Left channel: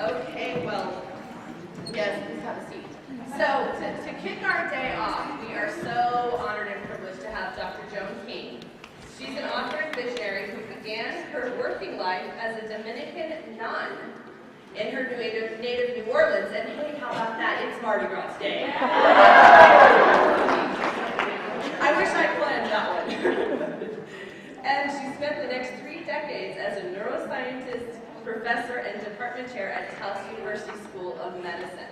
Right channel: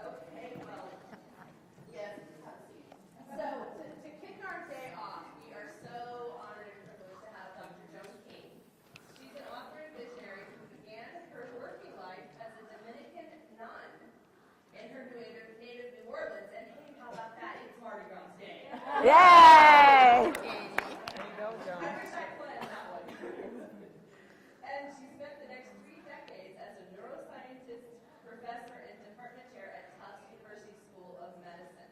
Okay, well, yes, please have a seat. So, to kick our day off, we are so honored and privileged to have Dr. Joan King. She's an author and visionary who began her working life as a Dominican nun in her native New Orleans. And hey, how about that? It's Mardi Gras Day. I wish I planned that one. And she spent the next 3 decades as a neuroscientist, professor, and department chair at Tufts University School of Medicine.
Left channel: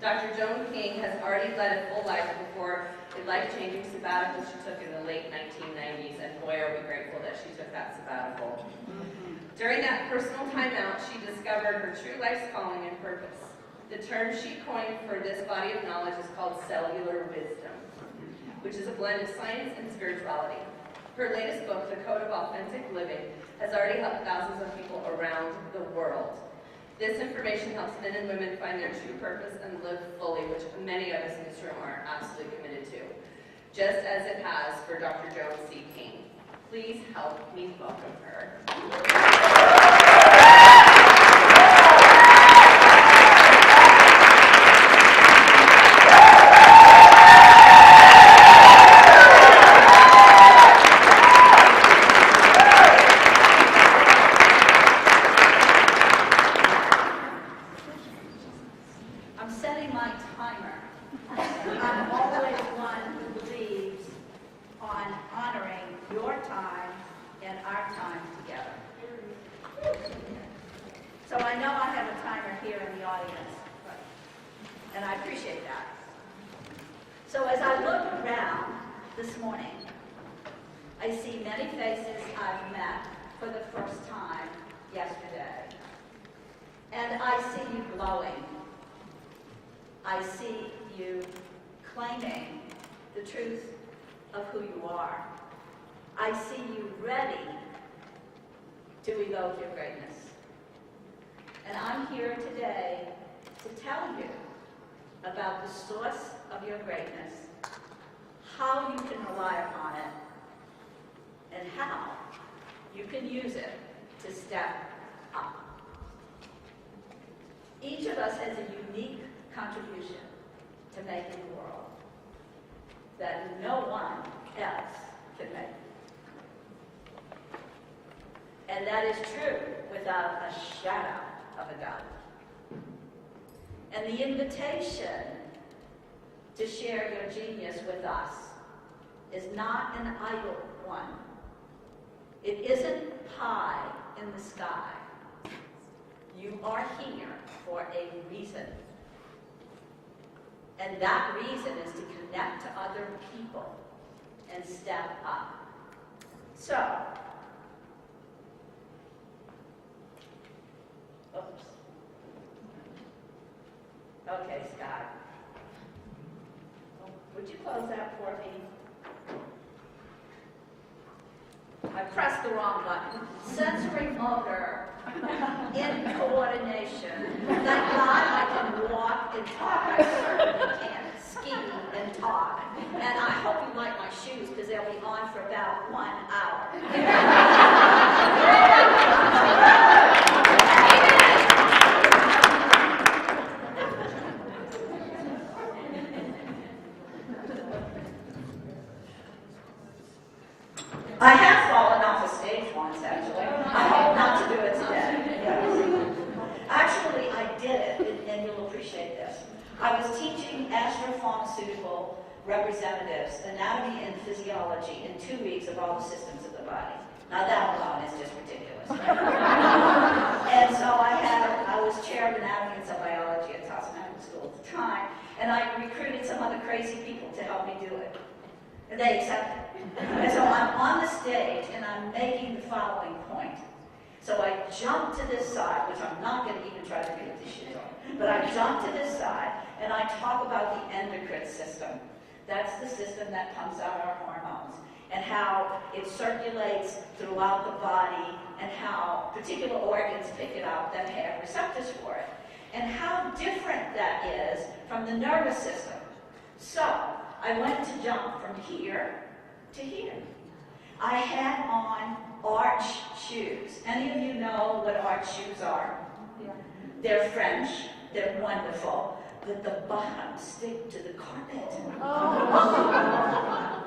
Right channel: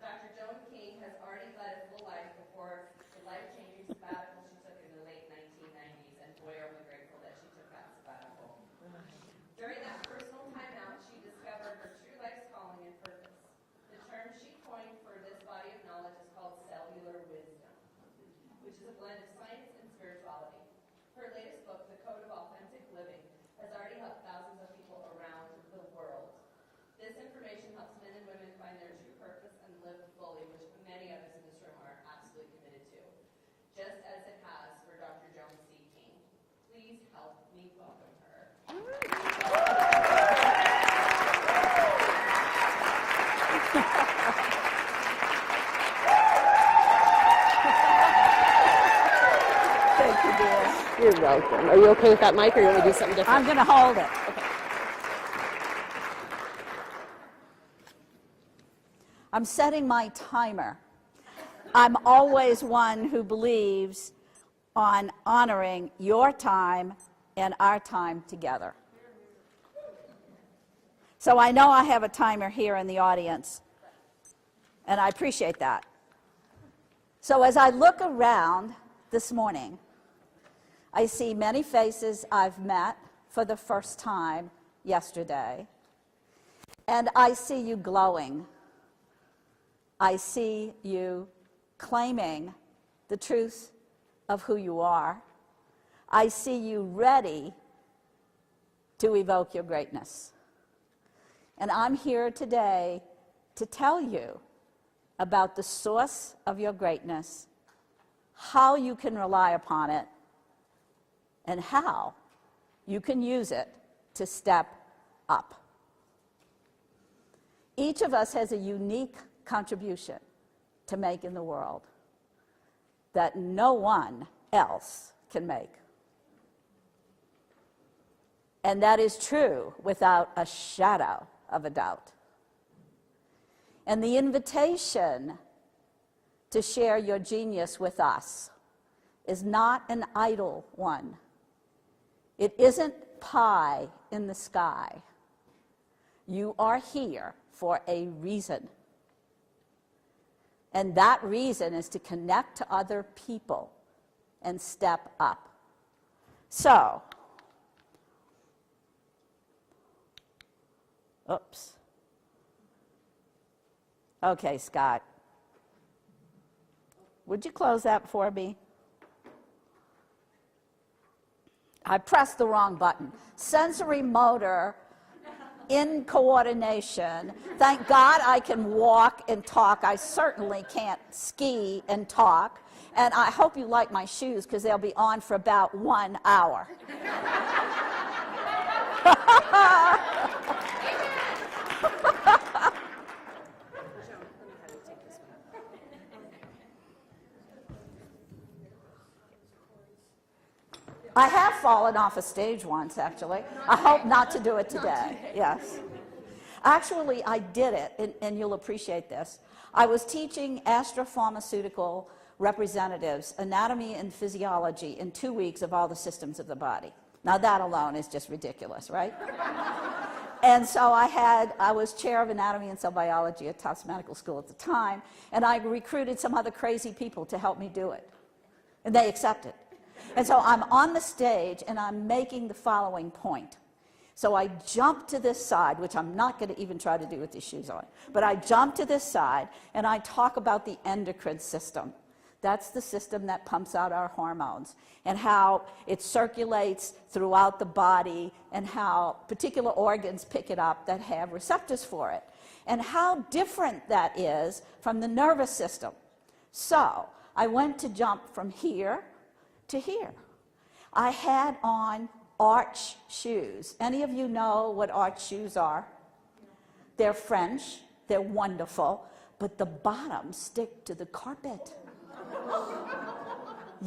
Dr. Joan King has already led a full life before a life-changing sabbatical she took in the late 1990s, and boy, are we grateful that she took that sabbatical. During that personal timeout, she discovered her true life's calling and purpose. The term she coined for this body of knowledge is called cellular wisdom, which is a blend of science and spirituality. Her latest book, The Code of Authentic Living, has already helped thousands of people around the world. This information helps men and women find their true purpose and live fully, which many of us in this room are absolutely committed to, just as it has for Dr. Joan C. King. Please help me welcome her. I'm setting my timer. I'm always one who believes on honoring your time and our time together. So I know I have a timer here in the audience, and I appreciate that. So as I look around this morning, I see many faces I've met for the first time yesterday, and I see you glowing. I see you claiming the truth of who you are. I see you ready to evoke your greatness. And I'm here today to tell you about the source of your greatness, how you can rely upon it, and how you can use it to step up. Each of us has a unique contribution to make in the world that no one else can make. And that is true without a shadow of a doubt. And the invitation to share your genius with us is not an idle one. It isn't pie in the sky. You are here for a reason. And that reason is to connect to other people and step up. So, oops. Okay, Scott. Would you close that for me? I pressed the wrong button. Sensory motor in coordination. Thank God I can walk and talk. I certainly can't ski and talk. And I hope you like my shoes because they'll be on for about 1 hour. I have fallen off a stage once, actually. I hope not to do it today. Yes. Actually, I did it, and you'll appreciate this. I was teaching astropharmaceutical representatives anatomy and physiology in 2 weeks of all the systems of the body. Now that alone is just ridiculous, right? And so I was chair of anatomy and cell biology at Tufts Medical School at the time, and I recruited some other crazy people to help me do it. And they accepted. And so I'm on the stage, and I'm making the following point. So I jump to this side, which I'm not going to even try to do with these shoes on, but I jump to this side, and I talk about the endocrine system. That's the system that pumps out our hormones, and how it circulates throughout the body, and how particular organs pick it up that have receptors for it, and how different that is from the nervous system. So I went to jump from here to here. I had on arch shoes. Any of you know what arch shoes are? They're French, they're wonderful, but the bottoms stick to the carpet.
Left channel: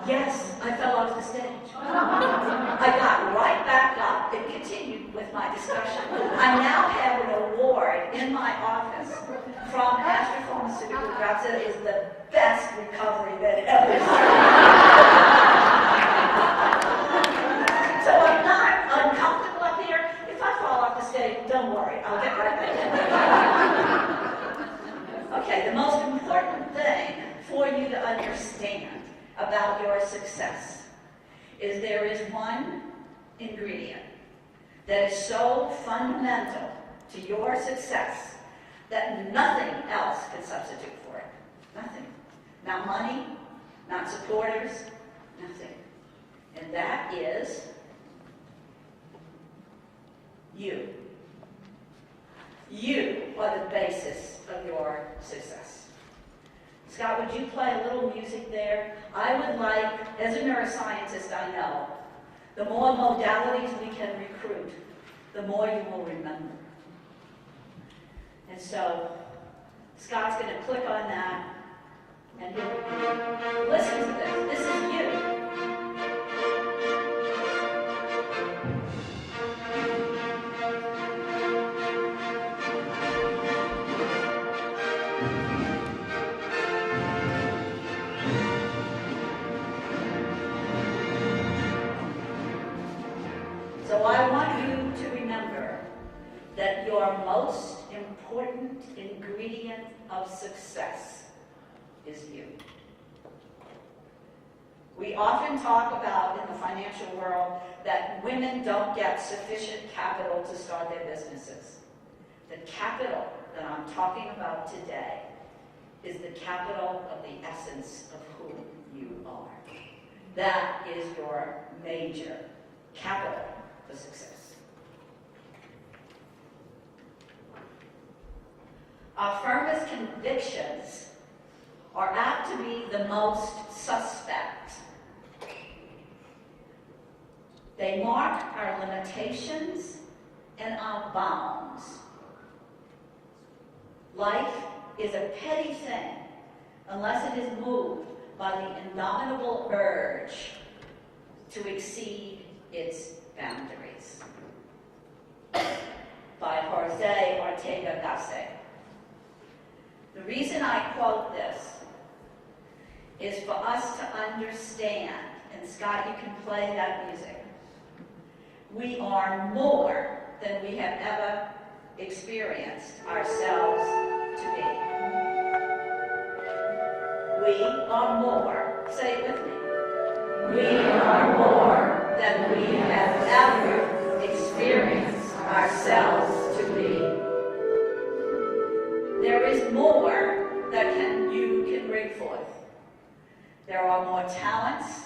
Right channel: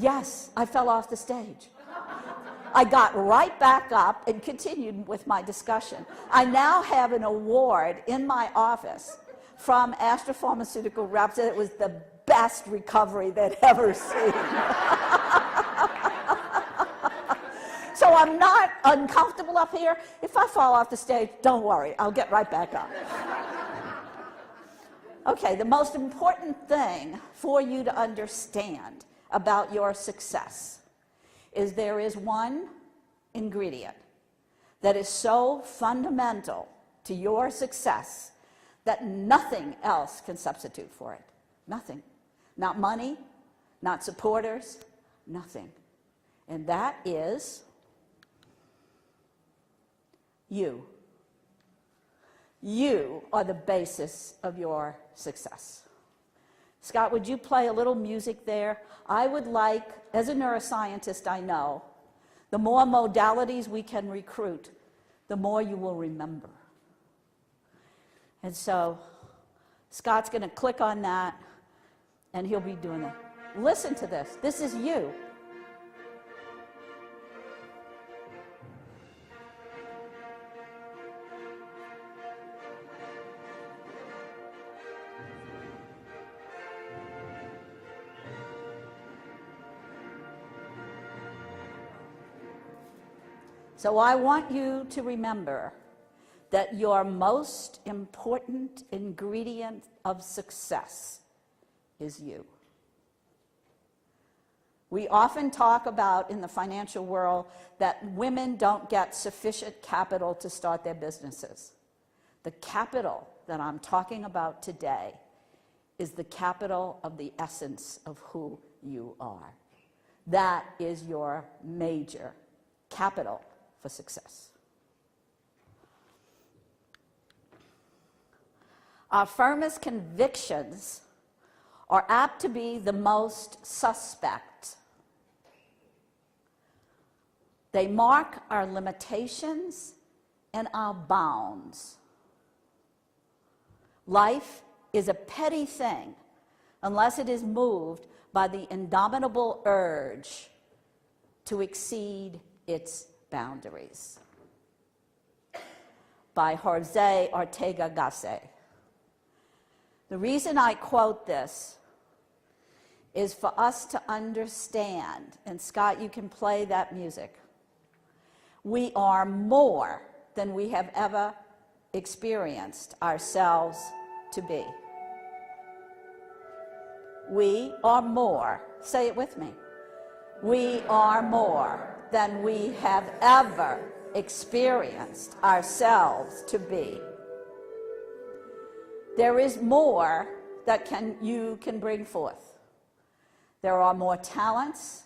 Yes, I fell off the stage. I got right back up and continued with my discussion. I now have an award in my office from Astra Pharmaceutical Reps. It is the best recovery they've ever seen. So I'm not uncomfortable up here. If I fall off the stage, don't worry, I'll get right back up. Okay, the most important thing for you to understand about your success is there is one ingredient that is so fundamental to your success that nothing else can substitute for it. Nothing. Not money, not supporters, nothing. And that is you. You are the basis of your success. Scott, would you play a little music there? I would like, as a neuroscientist, I know, the more modalities we can recruit, the more you will remember. And so, Scott's going to click on that, and he'll be doing it. Listen to this. This is you. So I want you to remember that your most important ingredient of success is you. We often talk about in the financial world that women don't get sufficient capital to start their businesses. The capital that I'm talking about today is the capital of the essence of who you are. That is your major capital for success. Our firmest convictions are apt to be the most suspect. They mark our limitations and our bounds. Life is a petty thing unless it is moved by the indomitable urge to exceed its boundaries. By Jose Ortega Gasset. The reason I quote this is for us to understand, and Scott, you can play that music. We are more than we have ever experienced ourselves to be. We are more. Say it with me. We are more than we have ever experienced ourselves to be. There is more that you can bring forth. There are more talents.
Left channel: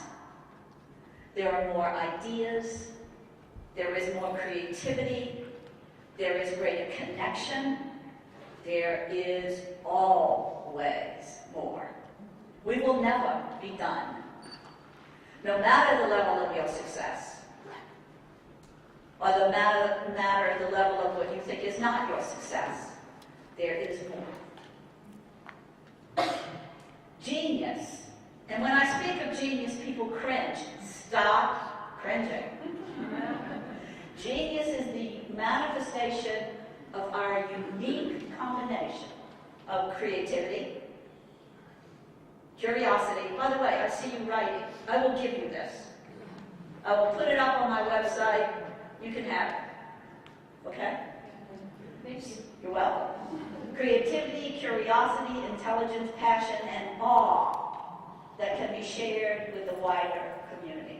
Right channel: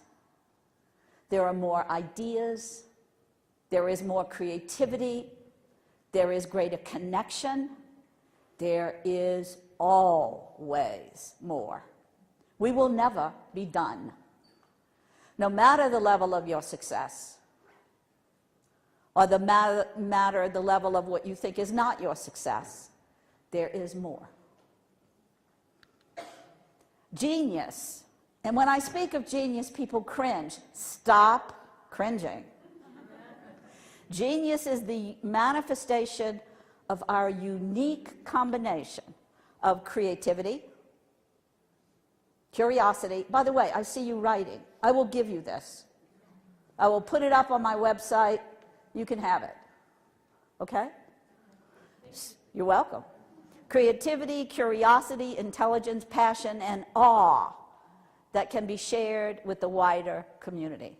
There are more ideas. There is more creativity. There is greater connection. There is always more. We will never be done. No matter the level of your success, or the level of what you think is not your success, there is more. Genius. And when I speak of genius, people cringe. Stop cringing. Genius is the manifestation of our unique combination of creativity, curiosity. By the way, I see you writing. I will give you this. I will put it up on my website. You can have it. Okay? You're welcome. Creativity, curiosity, intelligence, passion, and awe that can be shared with the wider community.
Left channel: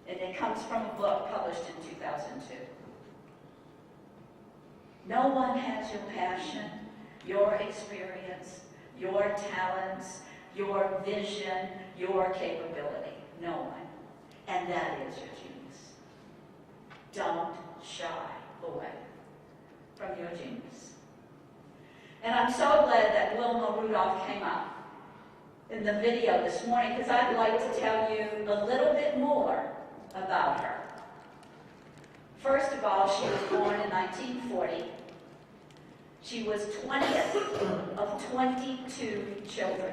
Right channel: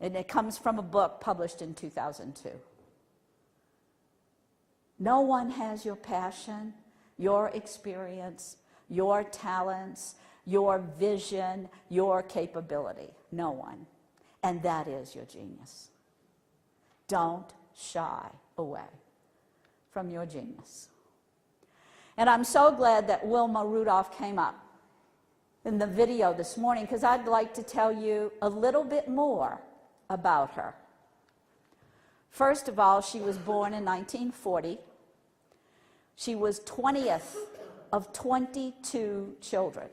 And it comes from a book published in 2002. No one has your passion, your experience, your talents, your vision, your capability. No one. And that is your genius. Don't shy away from your genius. And I'm so glad that Wilma Rudolph came up in the video this morning, because I'd like to tell you a little bit more about her. First of all, she was born in 1940 She was 20th of 22 children.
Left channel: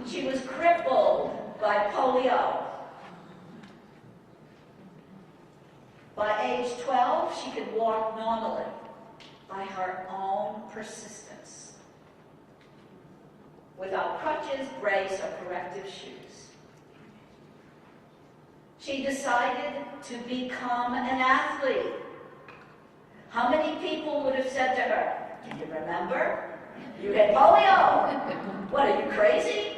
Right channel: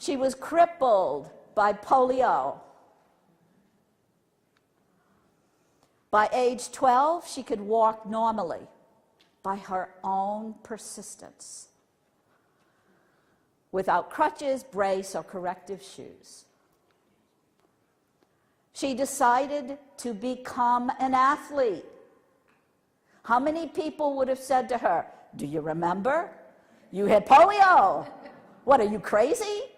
She was crippled by polio. By age 12, she could walk normally by her own persistence, without crutches, brace, or corrective shoes. She decided to become an athlete. How many people would have said to her, "Do you remember? You had polio. What, are you crazy?"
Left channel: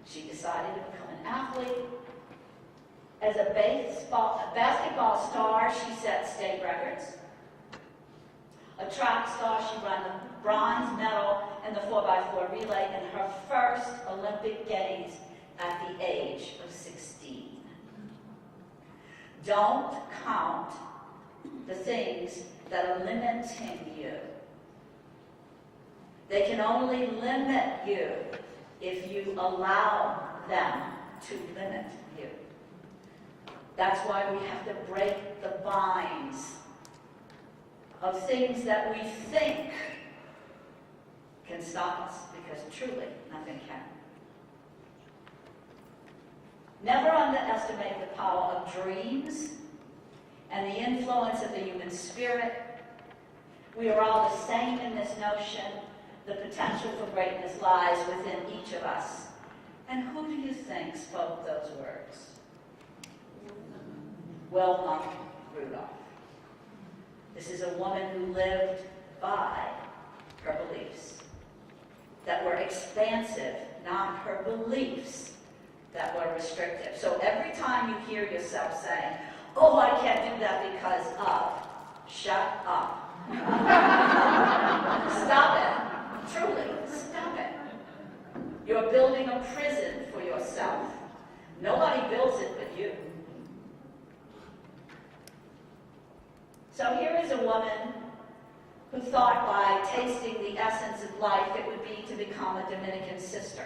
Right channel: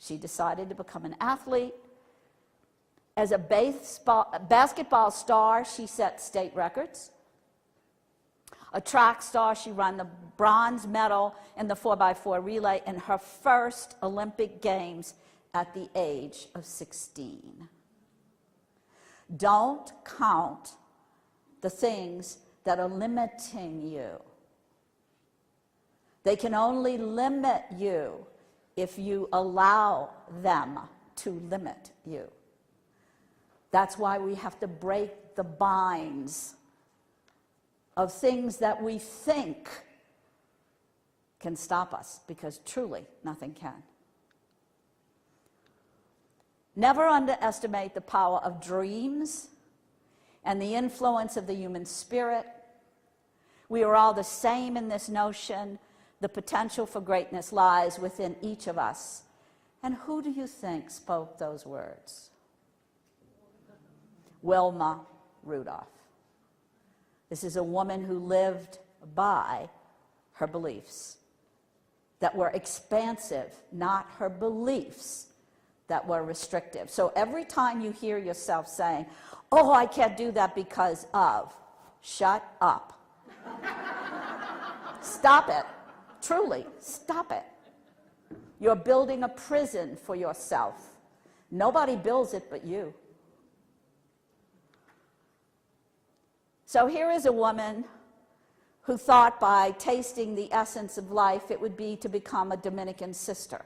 She decided to become an athlete. As a basketball star, she set state records. A track star, she won the bronze medal in the 4x4 relay in her first Olympic Games at the age of 16. Don't count the things that are limiting you. They can only limit you if you allow them to limit you. That's why we have to break the binds of things that we think can stop us, because truly nothing can. Never underestimate the power of dreams and the influence of the human spirit. We are all the same in this notion. The potential for greatness lies within each of us. And who do you think spoke those words? Wilma Rudolph. This is a woman who lived by her beliefs that were expansive, not her beliefs that were restrictive. So every time you hear yourself saying, "Oh, I can't do that because of," shut up. Stop it. Truly, stop it. You're building a prison for yourself. Nobody builds it but you. So here is a woman who thought by tasting the essence of life it would be to become a Dominican sister.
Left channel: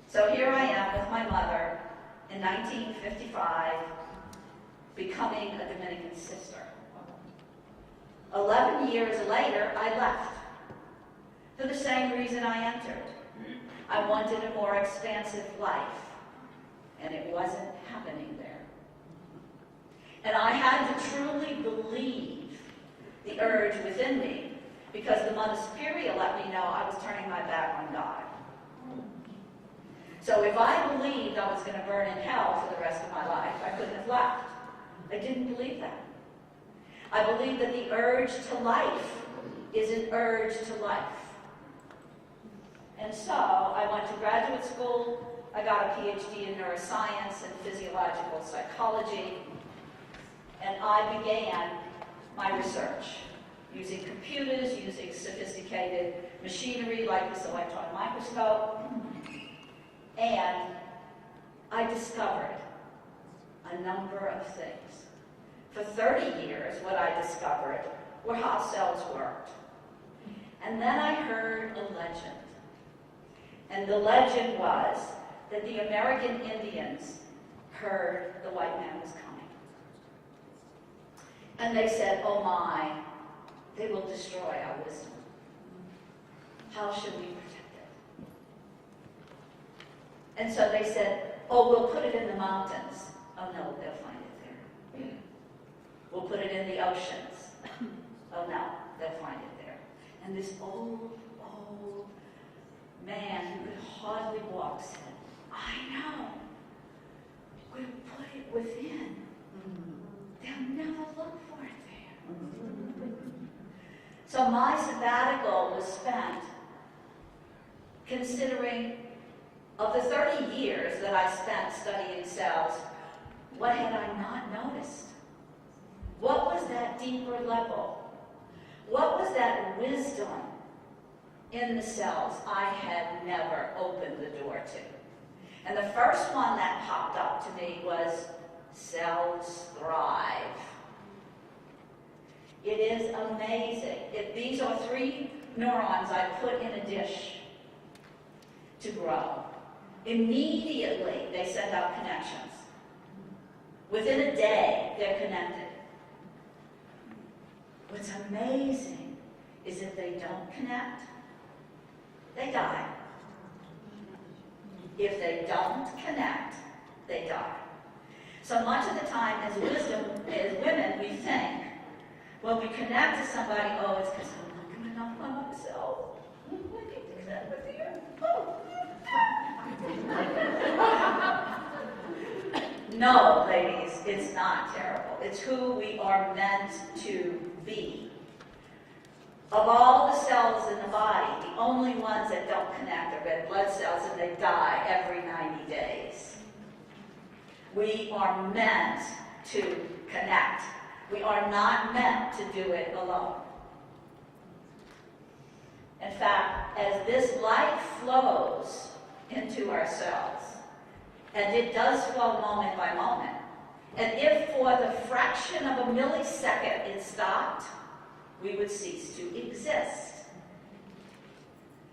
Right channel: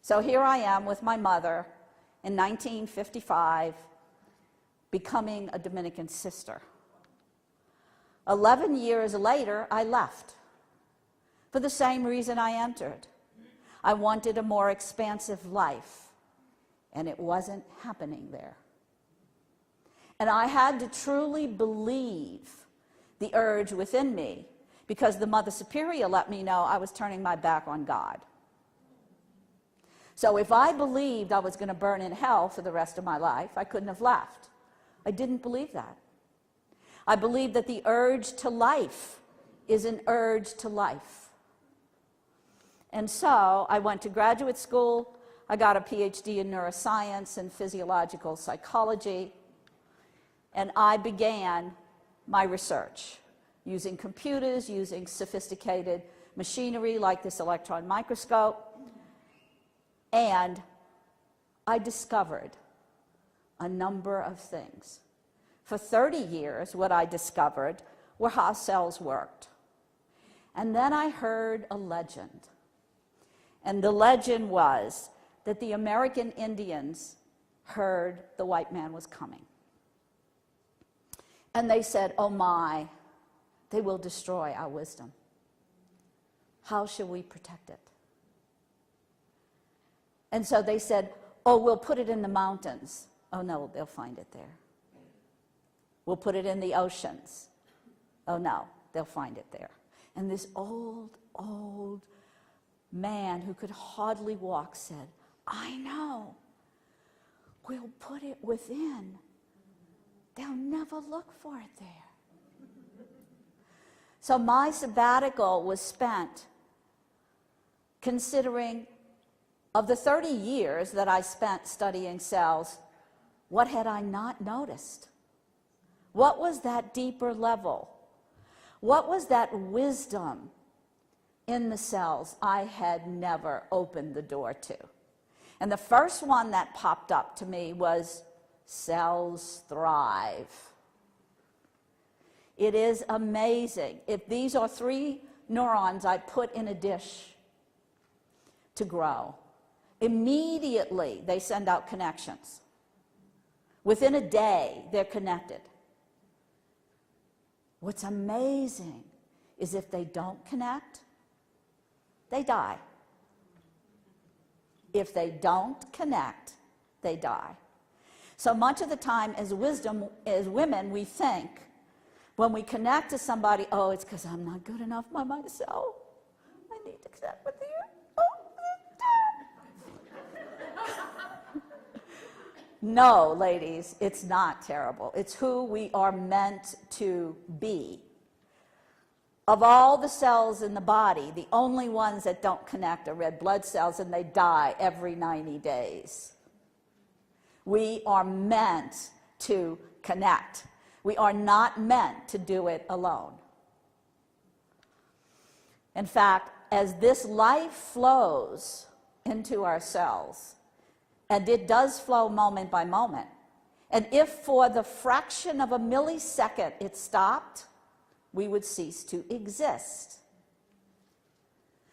So here I am with my mother in 1955, becoming a Dominican sister. 11 years later, I left for the same reason I entered. I wanted a more expansive life, and it wasn't happening there. And I had to truly believe the urge within me, because the Mother Superior let me know I was turning my back on God. So if I believed I was going to burn in hell for the rest of my life, I couldn't have left. I didn't believe that. I believed that the urge to life is an urge to life. And so I went to graduate school. I got a PhD in neuroscience and physiological psychology. And I began my research using computers, using sophisticated machinery like this electron microscope. And I discovered a number of things. For 30 years, what I discovered were how cells worked. And then I heard a legend. And the legend was that the American Indians heard the white man was coming. And they said, "Oh my, they will destroy our wisdom. How shall we protect it?" And so they said, "Oh, we'll put it in the mountains." "Oh no, they'll find it there." "We'll put it in the oceans." "Oh no, they'll find it there." And this old man who could hardly walk said, "I know. We'll put it within. They'll never look for it there." So my sabbatical was spent considering, of the 30 years that I spent studying cells, what had I not noticed? What was that deeper level? What was that wisdom in the cells I had never opened the door to? And the first one that popped up to me was cells thrive. It is amazing. If these are 3 neurons I put in a dish to grow, immediately they send out connections. Within a day, they're connected. What's amazing is if they don't connect, they die. If they don't connect, they die. So much of the time as women, we think, when we connect to somebody, oh, it's because I'm not good enough by myself. I need to connect with you. No, ladies, it's not terrible. It's who we are meant to be. Of all the cells in the body, the only ones that don't connect are red blood cells, and they die every 90 days. We are meant to connect. We are not meant to do it alone. In fact, as this life flows into our cells, and it does flow moment by moment, and if for the fraction of a millisecond it stopped, we would cease to exist.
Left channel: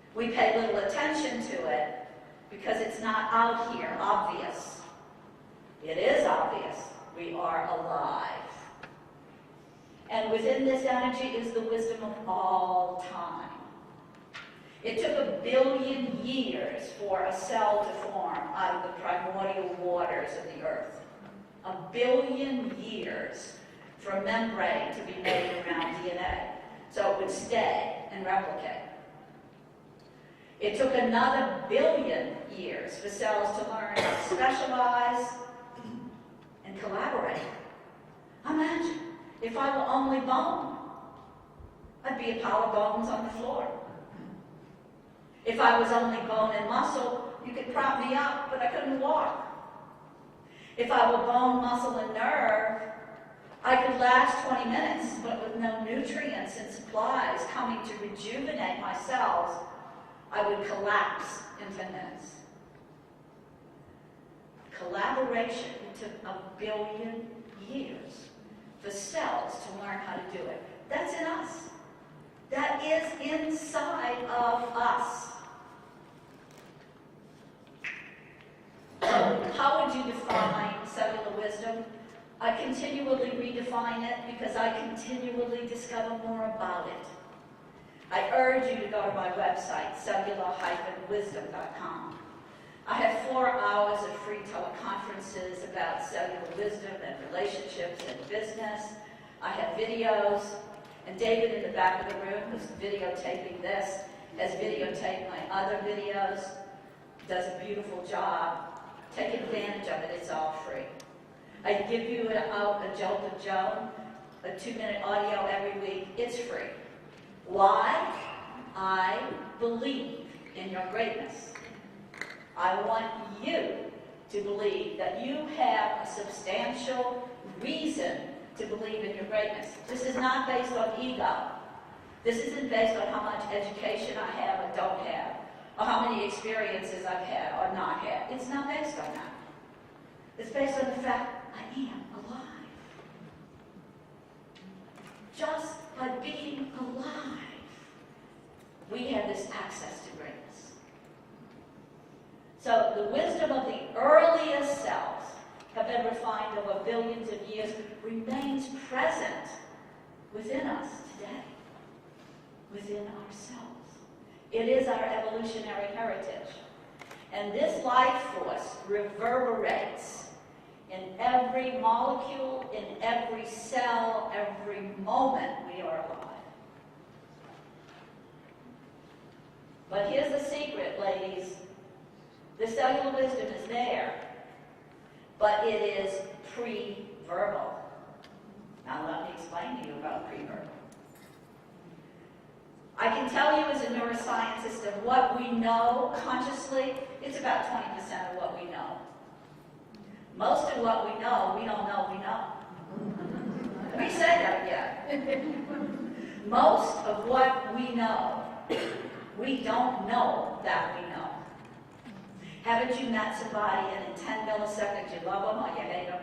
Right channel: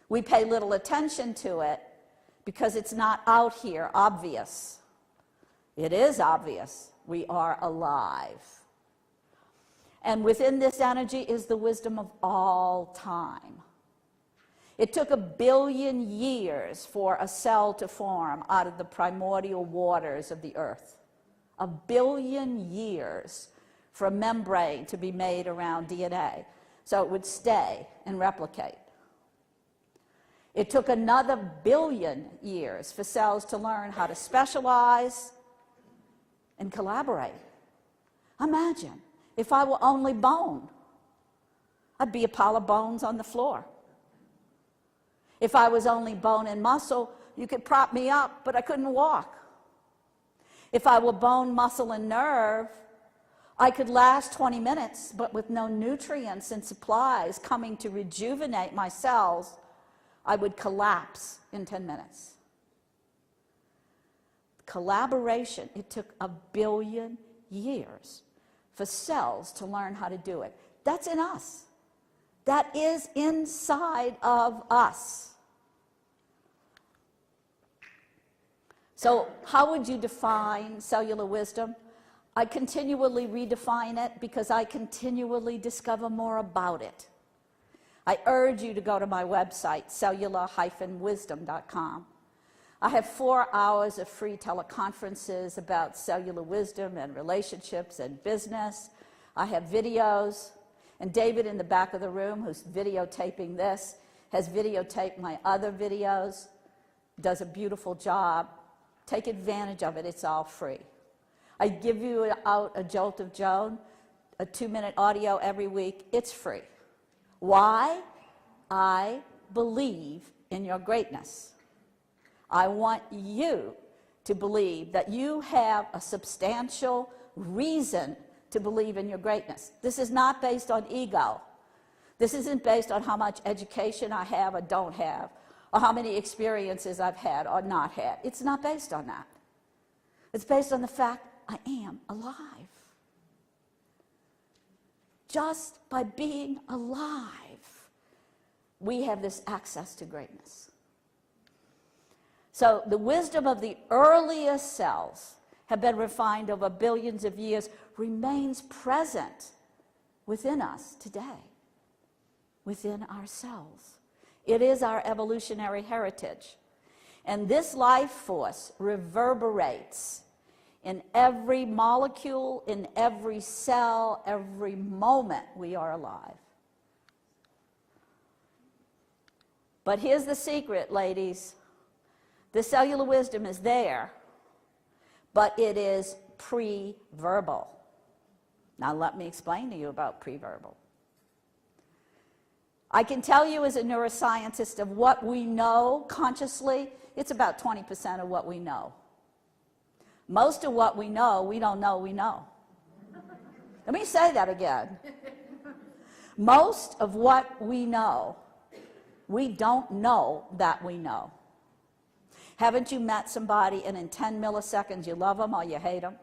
We pay little attention to it because it's not out here obvious. It is obvious. We are alive. And within this energy is the wisdom of all time. It took 1 billion years for a cell to form out of the primordial waters of the earth. 1 billion years for a membrane to be made around DNA, so it would stay and replicate. It took another 1 billion years for cells to learn how to specialize and collaborate. Imagine if I were only bone, I'd be a pile of bones on the floor. If I was only bone and muscle, you could prop me up, but I couldn't walk. If I were bone, muscle, and nerve, I could last 20 minutes, but with no nutrients and supplies coming to rejuvenate my cells, I would collapse in 10 minutes. Collaboration, it took 1 billion years for cells to learn how to do it. That's in us. That is inside of us. So how would you define cellular wisdom? I continually redefine it because I continually discover more about it. I urge you to go to my website, cellular-wisdom.com. I have 4 hours of free teleconferences about cellular wisdom and relationships and business. I have videos, and David in the back of the room, who's videotaping this, has videotaped my other videos, does a beautiful job. Take advantage of it, it's all free. I give you a jolt of Joan, a 2-minute audio every week. It's free. Why? I believe in your greatness. I want you to believe that you have a substantial reason to believe in your greatness. This is not based on ego. This isn't based on how much education I have or don't have, or how many experiences I've had or not had. It's not based on that. It's based on the fact I am alive. Just by being alive, we have this access to greatness. So the wisdom of the earliest cells have been refined over billions of years, remains present within us today, within ourselves. It is our evolutionary heritage. And this life force reverberates in every molecule, in every cell, every moment we are alive. But here's the secret, ladies. The cellular wisdom is there, but it is pre-verbal. Now let me explain to you about pre-verbal. I can tell you as a neuroscientist of what we know consciously, it's about 20% of what we know. Most of what we know, we don't know we know. Let me say that again. Most of what we know, we don't know that we know. Haven't you met somebody and in 10 milliseconds you love them or you hate them?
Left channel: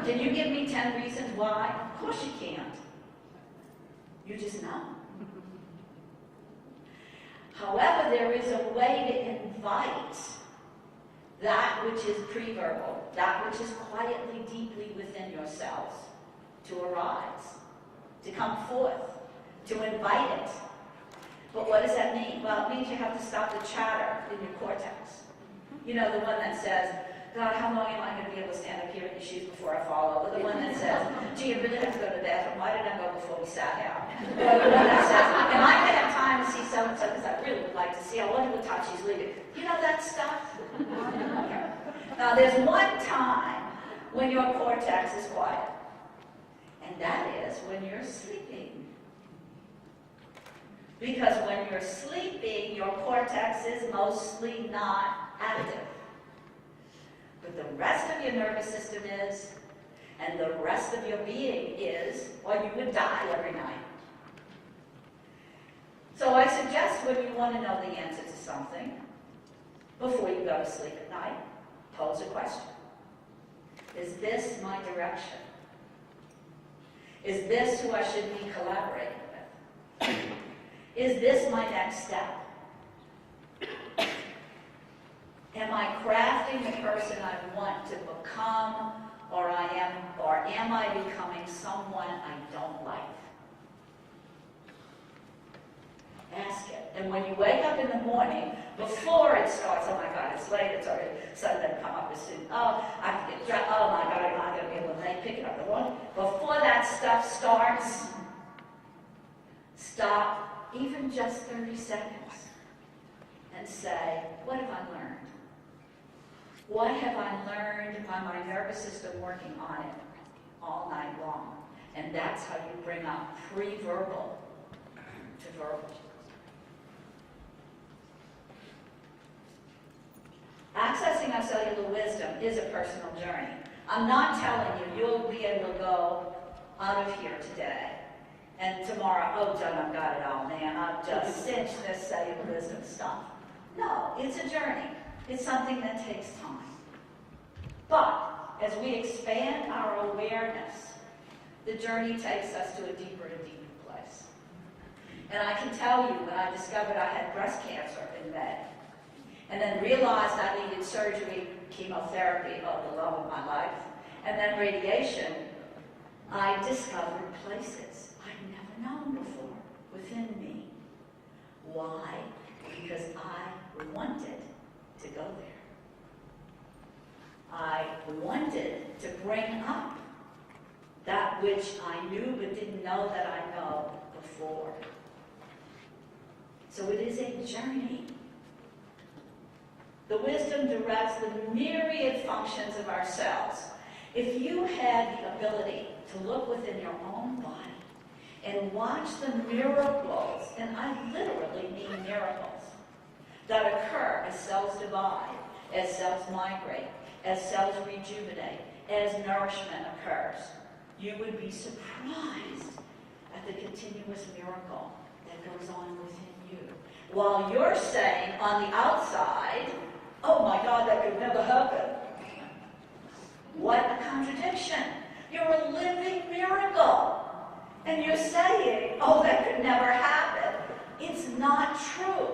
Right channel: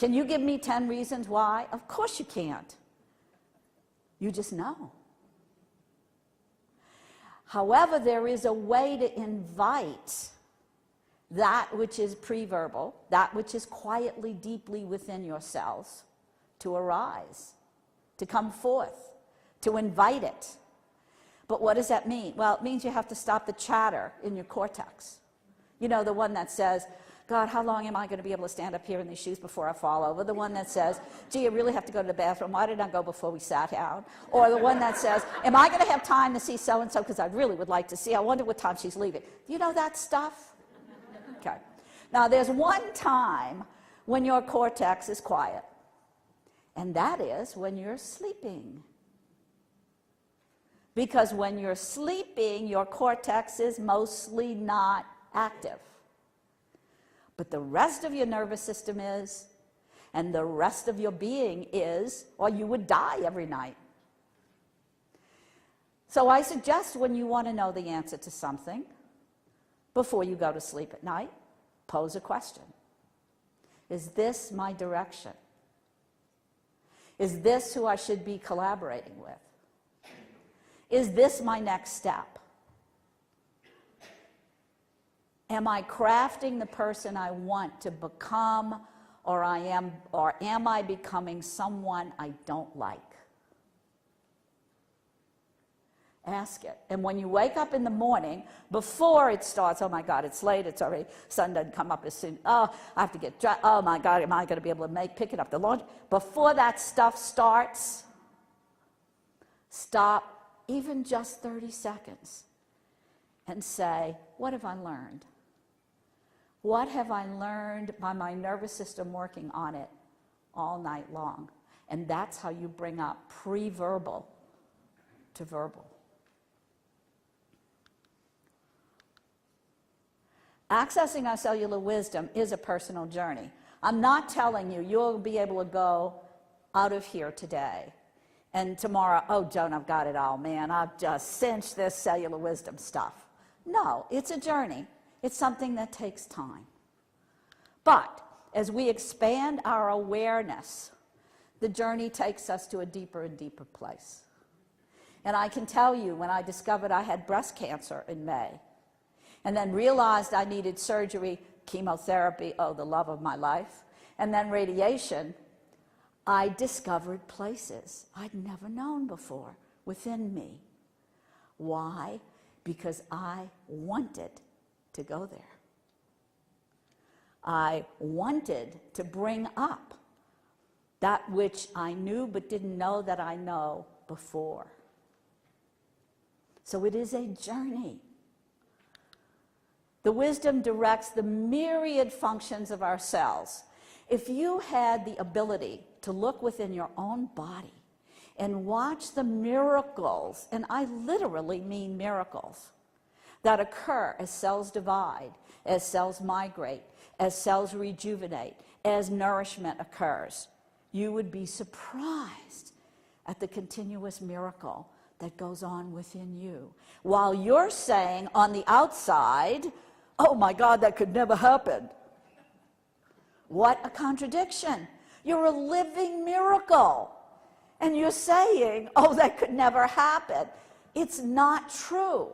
Can you give me 10 reasons why? Of course you can't. You just know. However, there is a way to invite that which is pre-verbal, that which is quietly, deeply within yourselves, to arise, to come forth, to invite it. But what does that mean? Well, it means you have to stop the chatter in your cortex. You know, the one that says, God, how long am I going to be able to stand up here in these shoes before I fall over? The one that says, gee, I really have to go to the bathroom. Why did I go before we sat down? Or the one that says, am I going to have time to see so-and-so because I really would like to see. I wonder what time she's leaving. You know that stuff? Okay. Now, there's one time when your cortex is quiet. And that is when you're sleeping. Because when you're sleeping, your cortex is mostly not active. But the rest of your nervous system is, and the rest of your being is, or you would die every night. So I suggest when you want to know the answer to something, before you go to sleep at night, pose a question. Is this my direction? Is this who I should be collaborating with? Is this my next step? Am I crafting the person I want to become, or am I becoming someone I don't like? Ask it. And when you wake up in the morning, before it starts, oh my God, it's late, it's already, sun doesn't come up as soon, oh, I have to get dressed, oh my God, am I going to be able to pick it up the laundry? Before that stuff starts, stop even just 30 seconds and say, what have I learned? What have I learned by my nervous system working on it all night long? And that's how you bring up pre-verbal to verbal. Accessing our cellular wisdom is a personal journey. I'm not telling you you'll be able to go out of here today and tomorrow, oh, Joan, I've got it all, man. I've just cinched this cellular wisdom stuff. No, it's a journey. It's something that takes time. But as we expand our awareness, the journey takes us to a deeper and deeper place. And I can tell you, when I discovered I had breast cancer in May, and then realized I needed surgery, chemotherapy, oh, the love of my life, and then radiation, I discovered places I'd never known before within me. Why? Because I wanted to go there. I wanted to bring up that which I knew but didn't know that I know before. So it is a journey. The wisdom directs the myriad functions of our cells. If you had the ability to look within your own body and watch the miracles, and I literally mean miracles, that occur as cells divide, as cells migrate, as cells rejuvenate, as nourishment occurs, you would be surprised at the continuous miracle that goes on within you. While you're saying on the outside, oh my God, that could never happen. What contradiction. You're a living miracle. And you're saying, oh, that could never happen. It's not true.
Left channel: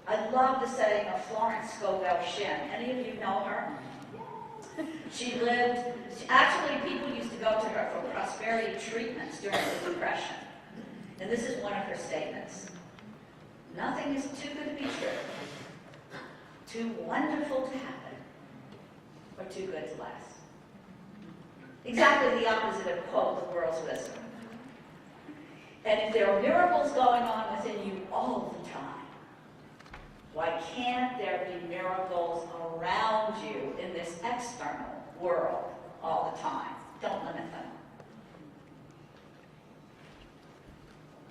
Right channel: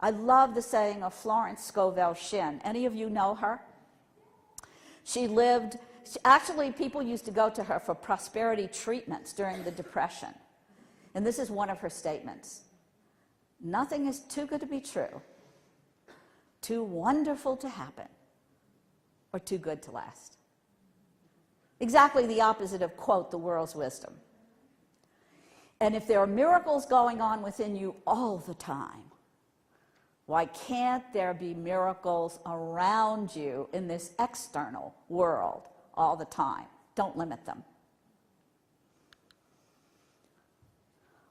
I love the saying of Florence Scovel Shinn. Any of you know her? Actually, people used to go to her for prosperity treatments during the Depression. And this is one of her statements. Nothing is too good to be true, too wonderful to happen, or too good to last. Exactly the opposite of, quote, the world's wisdom. And if there are miracles going on within you all the time, why can't there be miracles around you in this external world all the time? Don't limit them.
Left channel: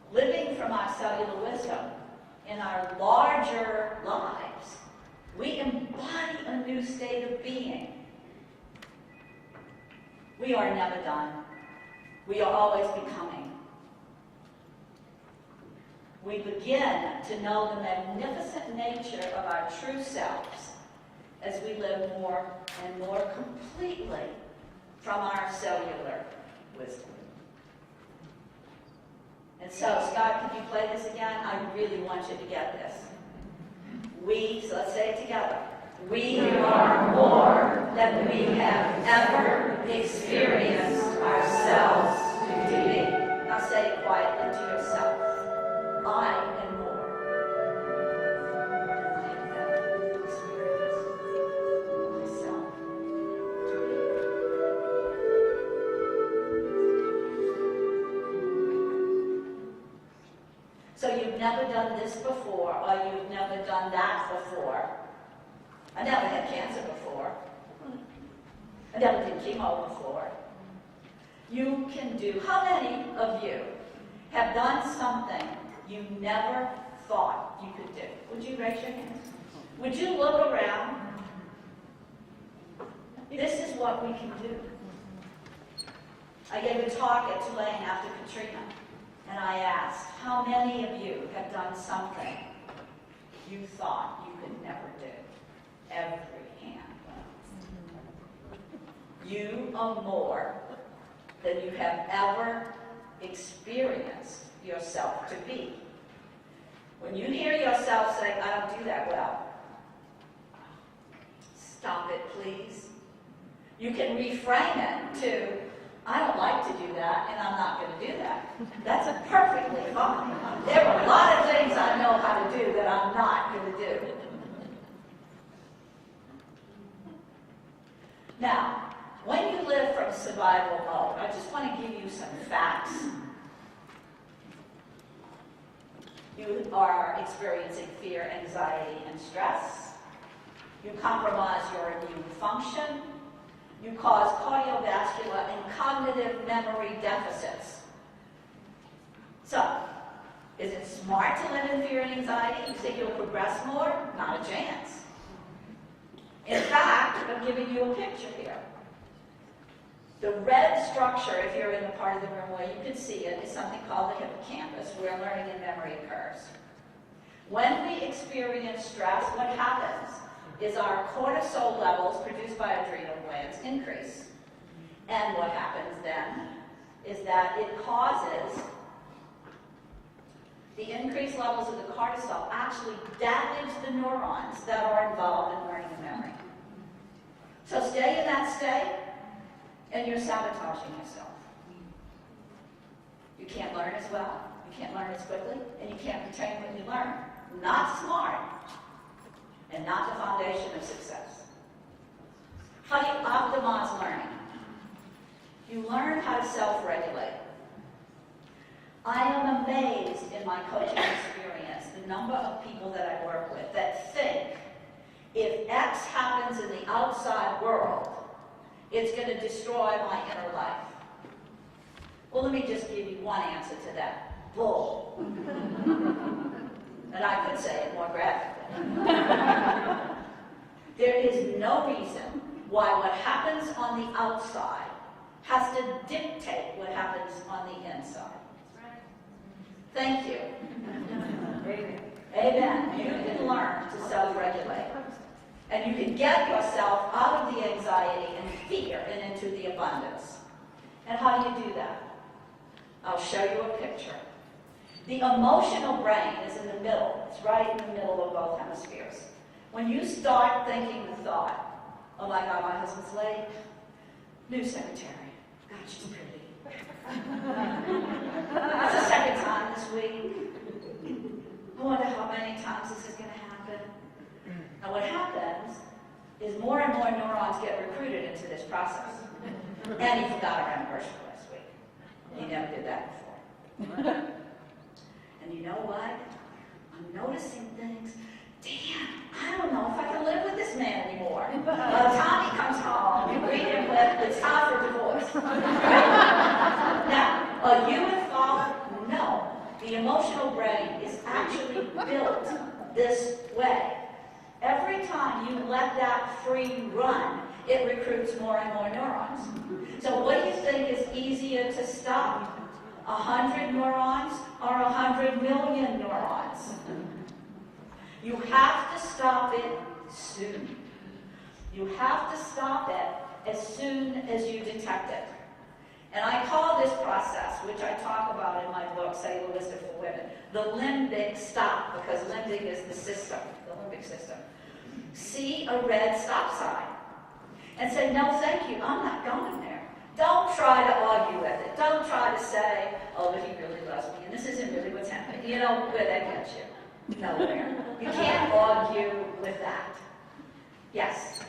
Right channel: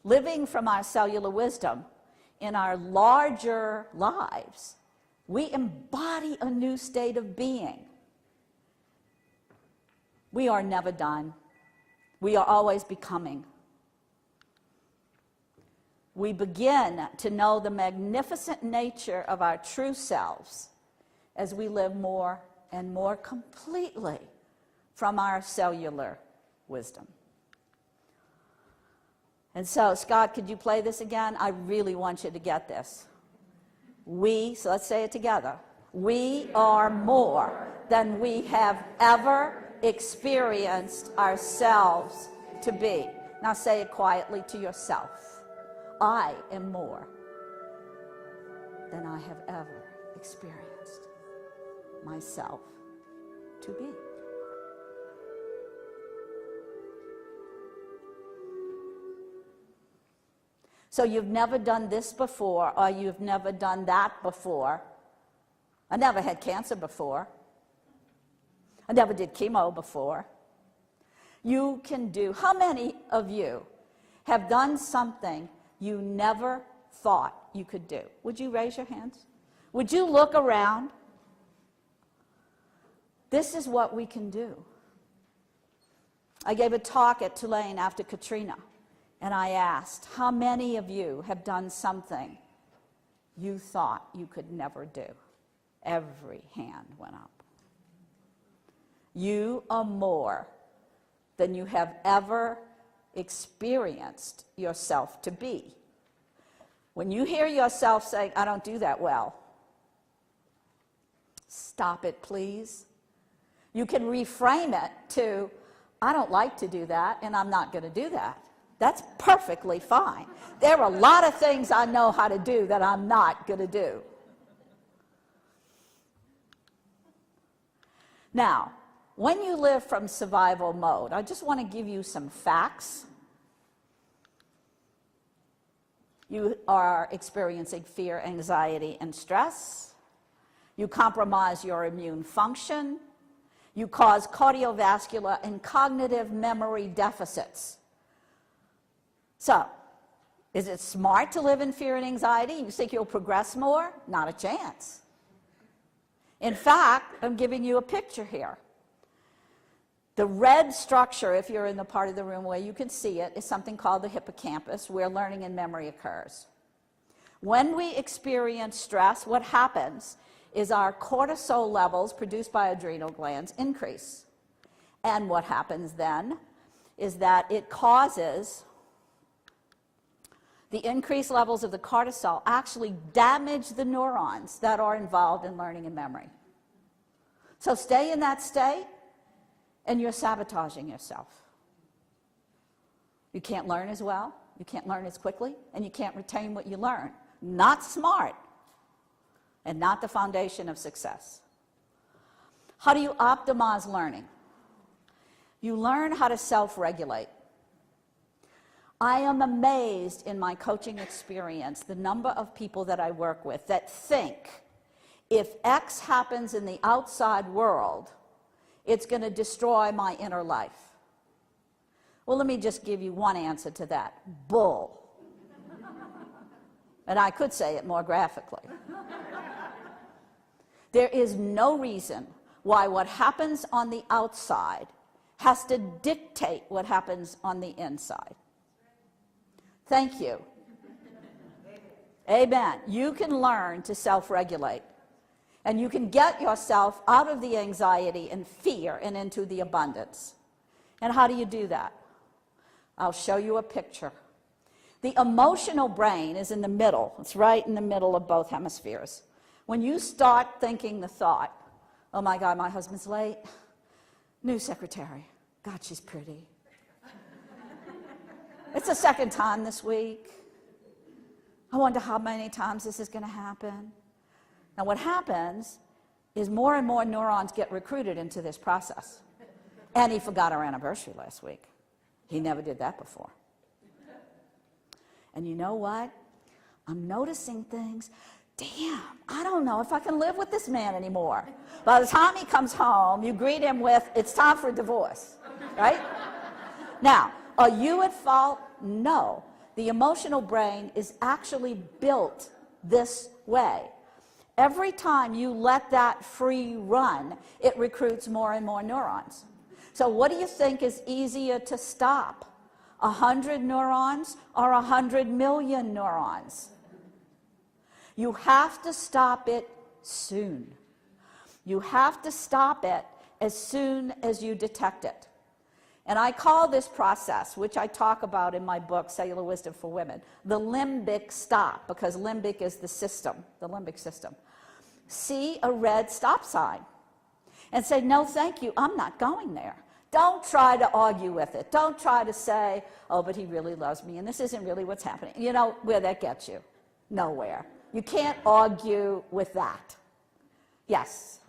Living from our cellular wisdom in our larger lives, we embody a new state of being. We are never done. We are always becoming. We begin to know the magnificent nature of our true selves as we live more and more completely from our cellular wisdom. And so, Scott, could you play this again? I really want you to get this. So let's say it together. We are more than we have ever experienced ourselves to be. say quietly to yourself, I am more than I have ever experienced myself to be. So you've never done this before, or you've never done that before. I never had cancer before. I never did chemo before. You can do, how many of you have done something you never thought you could do? Would you raise your hands? Would you look around? This is what we can do. I gave a talk at Tulane after Katrina, and I asked, how many of you have done something you thought you could never do? Every hand went up. You are more than you have ever experienced yourself to be. When you hear yourself say, I don't do that well, stop it, please. You can reframe it to, I don't like to do that, and I'm not going to do that. That's perfectly fine. There are a lot of things I know how to do that I'm not going to do. Now, when you live from survival mode, I just want to give you some facts. You are experiencing fear, anxiety, and stress. You compromise your immune function. You cause cardiovascular and cognitive memory deficits. So, is it smart to live in fear and anxiety? You think you'll progress more? Not a chance. In fact, I'm giving you a picture here. The red structure, if you're in the part of the room where you can see it, is something called the hippocampus, where learning and memory occurs. When we experience stress, what happens is our cortisol levels produced by adrenal glands increase. And what happens then is that it causes the increased levels of the cortisol actually damage the neurons that are involved in learning and memory. So stay in that state, and you're sabotaging yourself. You can't learn as well, you can't learn as quickly, and you can't retain what you learn. Not smart, and not the foundation of success. How do you optimize learning? You learn how to self-regulate. I am amazed in my coaching experience, the number of people that I work with that think if X happens in the outside world, it's going to destroy my inner life. Well, let me just give you one answer to that. Bull. And I could say it more graphically. There is no reason why what happens on the outside has to dictate what happens on the inside. Thank you. Amen. You can learn to self-regulate. And you can get yourself out of the anxiety and fear and into the abundance. And how do you do that? I'll show you a picture. The emotional brain is in the middle. It's right in the middle of both hemispheres. When you start thinking the thought, oh my God, my husband's late. New secretary. God, she's pretty. It's the second time this week. I wonder how many times this is going to happen. And what happens is more and more neurons get recruited into this process. And he forgot our anniversary last week. He never did that before. And you know what? I'm noticing things. Damn, I don't know if I can live with this man anymore. By the time he comes home, you greet him with, it's time for divorce. Right? Now, are you at fault? No. The emotional brain is actually built this way. Every time you let that free run, it recruits more and more neurons. So what do you think is easier to stop? 100 neurons or 100 million neurons? You have to stop it soon. You have to stop it as soon as you detect it. And I call this process, which I talk about in my book, Cellular Wisdom for Women, the limbic stop, because limbic is the system, the limbic system. See a red stop sign and say, no, thank you, I'm not going there. Don't try to argue with it. Don't try to say, oh, but he really loves me, and this isn't really what's happening. You know where that gets you? Nowhere. You can't argue with that. Yes?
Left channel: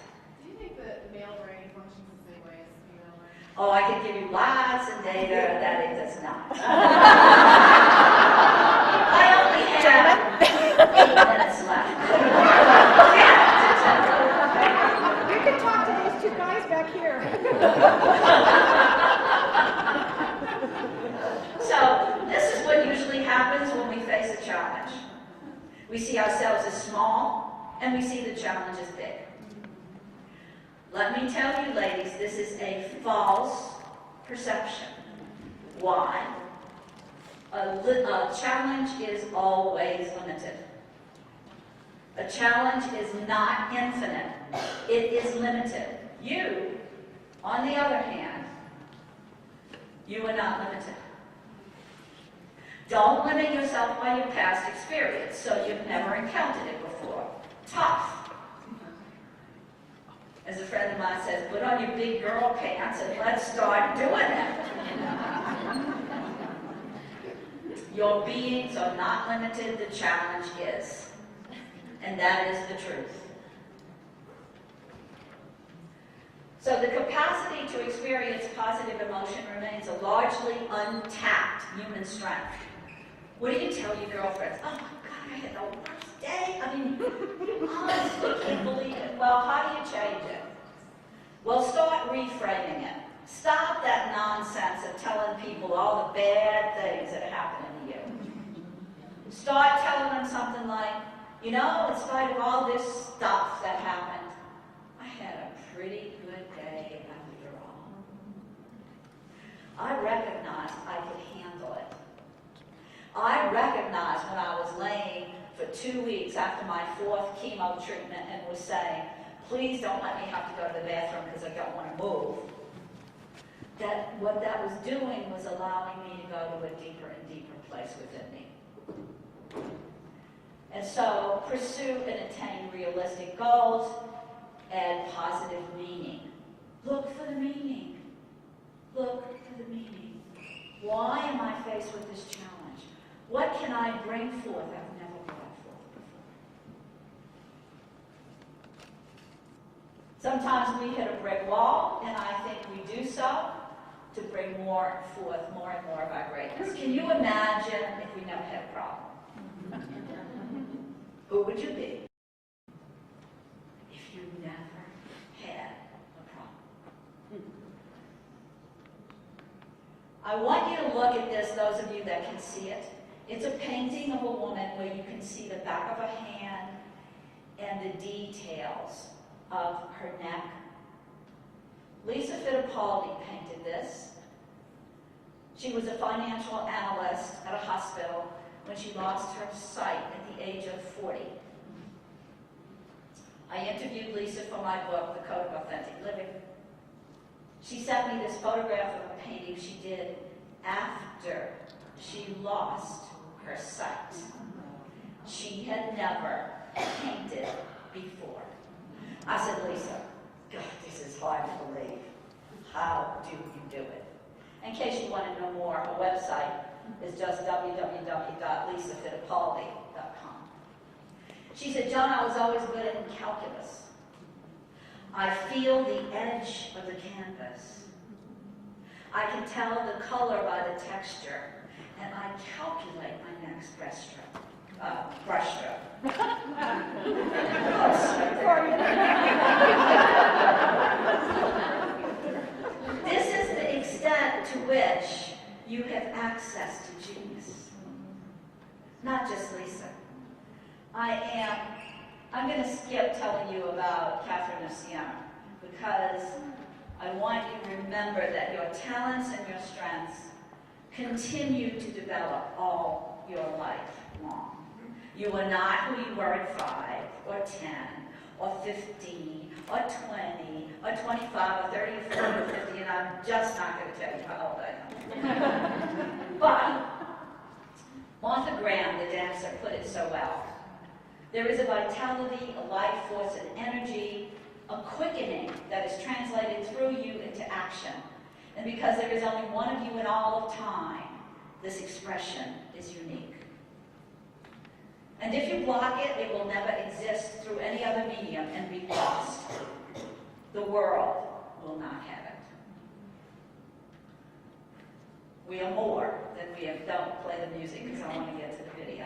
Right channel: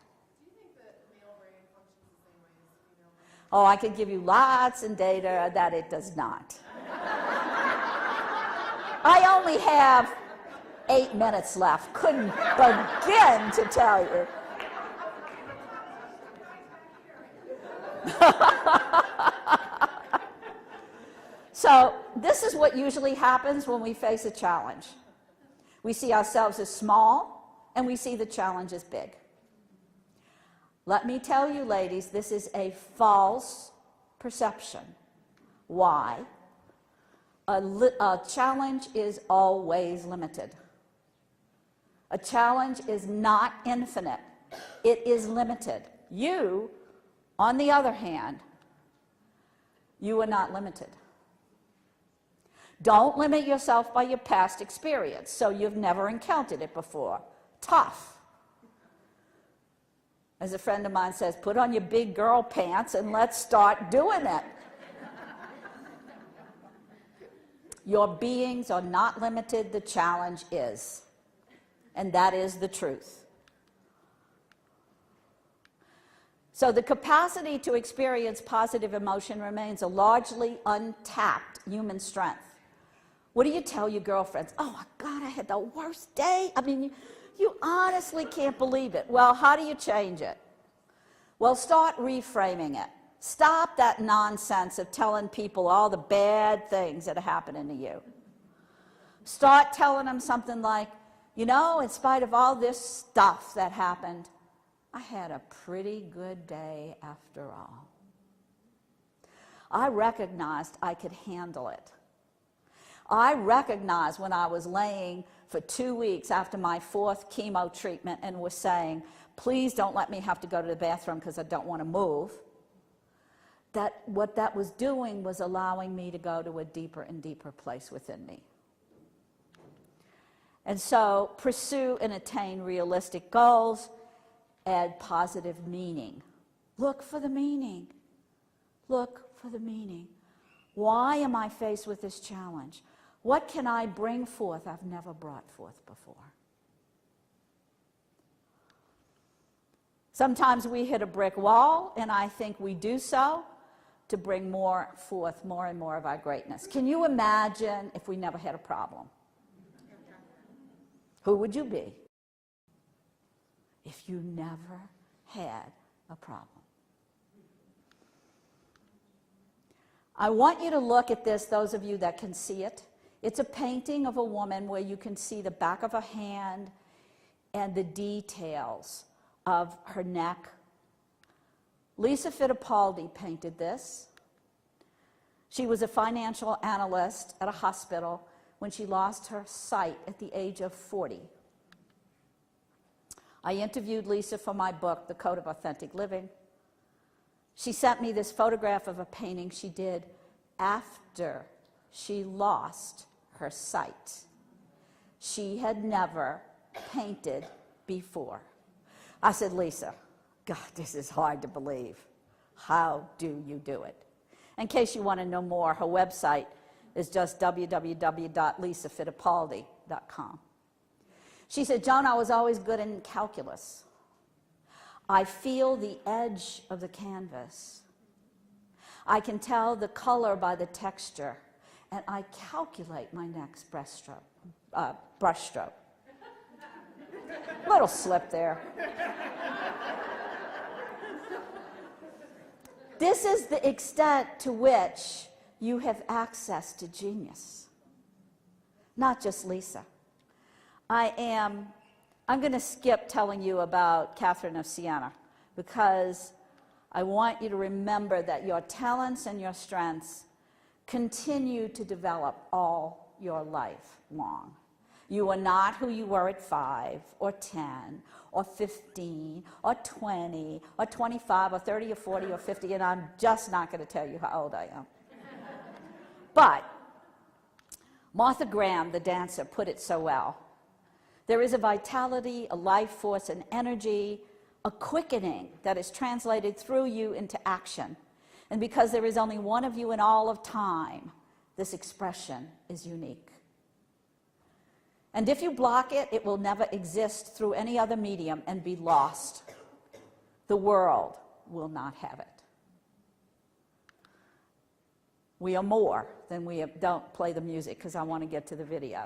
Do you think that male brain functions the same way as female brain? Oh, I can give you lots of data that it does not. I only have 8 minutes left. Couldn't begin to tell you. You can talk to these two guys back here. So this is what usually happens when we face a challenge. We see ourselves as small, and we see the challenge as big. Let me tell you, ladies, this is a false perception. Why? A challenge is always limited. A challenge is not infinite. It is limited. You, on the other hand, you are not limited. Don't limit yourself by your past experience, so you've never encountered it before. Tough. As a friend of mine says, put on your big girl pants and let's start doing it. Your beings are not limited, the challenge is. And that is the truth. So the capacity to experience positive emotion remains a largely untapped human strength. What do you tell your girlfriends? Oh my God, I had the worst day. I mean, you honestly can't believe it. Well, how do you change it? Well, start reframing it. Stop that nonsense of telling people all the bad things that are happening to you. Start telling them something like, you know, in spite of all this stuff that happened, I had a pretty good day after all. I recognized I could handle it. I recognized when I was laying for 2 weeks after my 4th chemo treatment and was saying, please don't let me have to go to the bathroom because I don't want to move, that what that was doing was allowing me to go to a deeper and deeper place within me. And so pursue and attain realistic goals, add positive meaning. Look for the meaning. Look for the meaning. Why am I faced with this challenge? What can I bring forth I've never brought forth before? Sometimes we hit a brick wall, and I think we do so to bring forth more and more of our greatness. Can you imagine if we never had a problem? Who would you be if you never had a problem? I want you to look at this, those of you that can see it. It's a painting of a woman where you can see the back of her hand and the details of her neck. Lisa Fittipaldi painted this. She was a financial analyst at a hospital when she lost her sight at the age of 40. I interviewed Lisa for my book, The Code of Authentic Living. She sent me this photograph of a painting she did after she lost her sight. She had never painted before. I said, Lisa, God, this is hard to believe. How do you do it? In case you want to know more, her website is just www.lisafittipaldi.com. She said, John, I was always good in calculus. I feel the edge of the canvas. I can tell the color by the texture, and I calculate my next brush stroke. Little slip there. This is the extent to which you have access to genius. Not just Lisa. I'm going to skip telling you about Catherine of Siena because I want you to remember that your talents and your strengths continue to develop all your life long. You are not who you were at 5 or 10 or 15 or 20 or 25 or 30 or 40 or 50, and I'm just not going to tell you how old I am. But Martha Graham, the dancer, put it so well. There is a vitality, a life force, an energy, a quickening that is translated through you into action. And because there is only one of you in all of time, this expression is unique. And if you block it, it will never exist through any other medium and be lost. The world will not have it. We are more than we are. Don't play the music because I want to get to the video.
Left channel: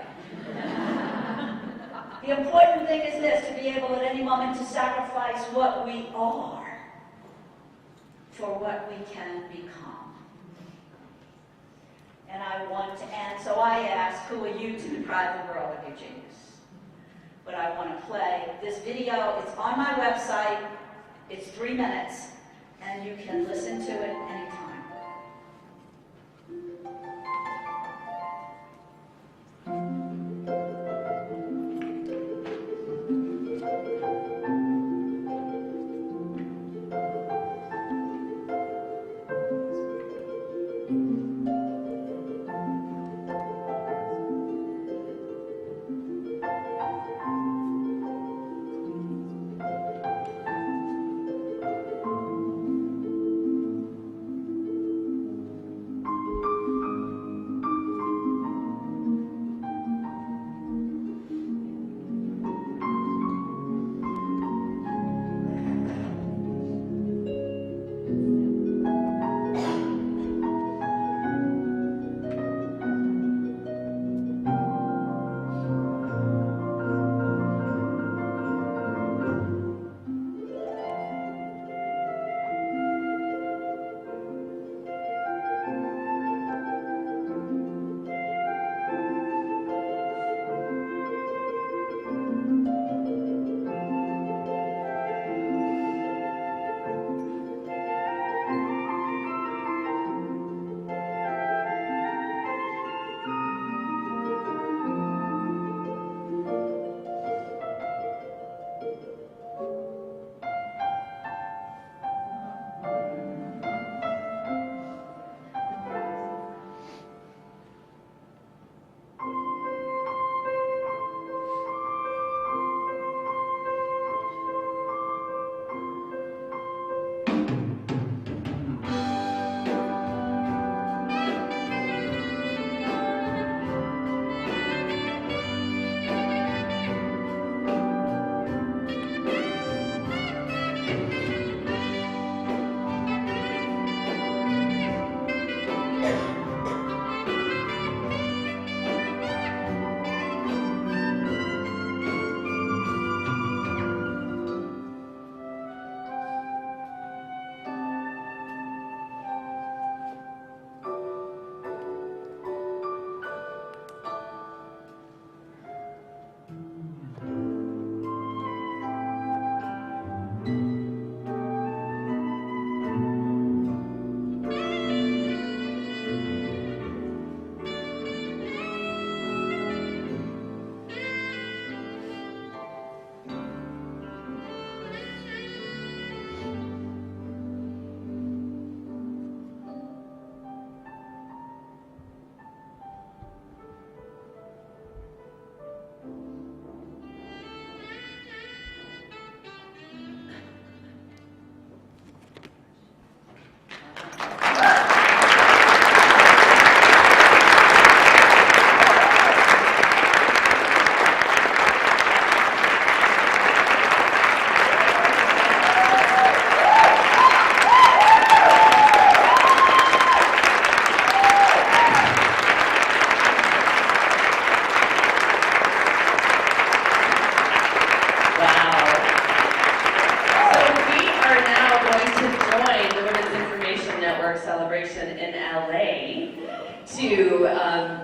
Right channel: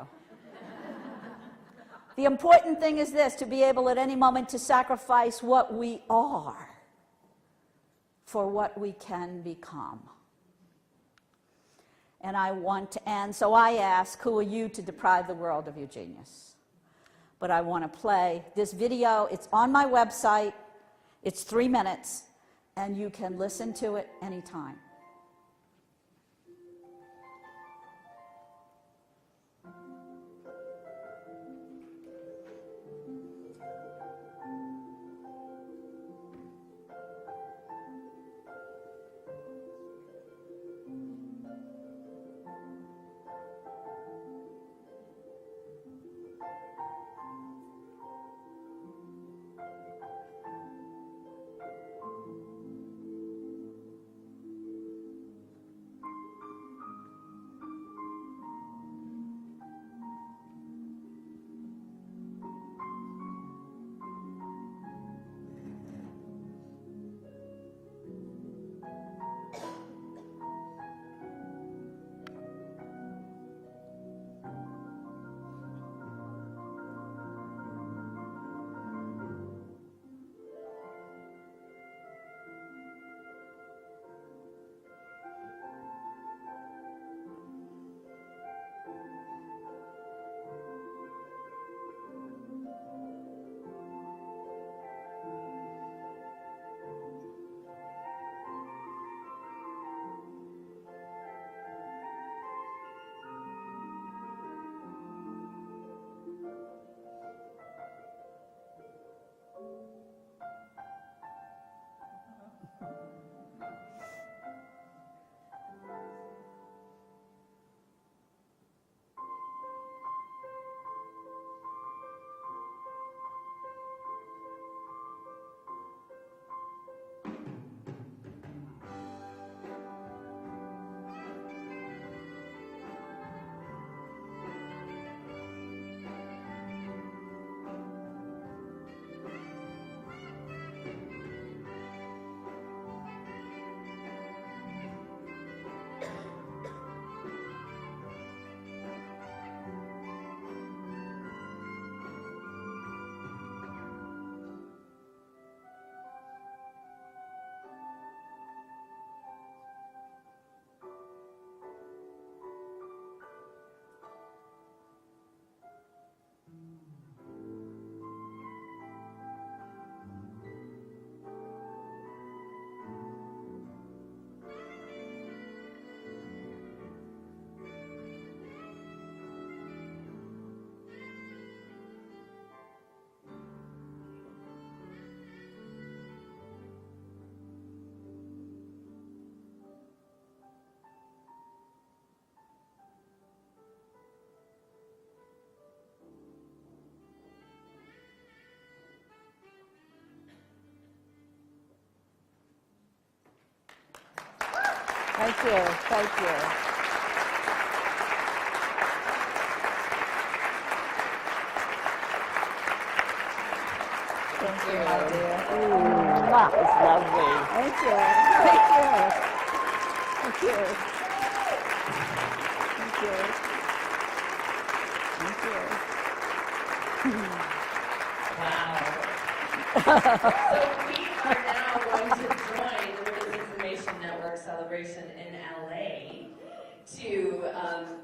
The important thing is this, to be able at any moment to sacrifice what we are for what we can become. And so I ask, who are you to deprive the world of your genius? But I want to play this video. It's on my website. It's 3 minutes, and you can listen to it anytime.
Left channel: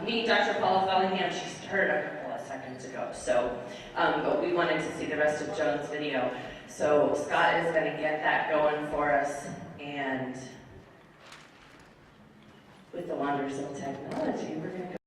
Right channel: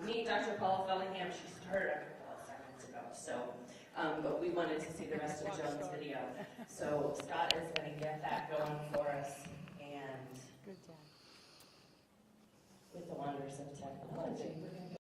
meet Dr. Paula Fellingham. She heard a couple of seconds ago, so, but we wanted to see the rest of Joan's video. So Scott is going to get that going for us, and with the wonders of technology, we're going to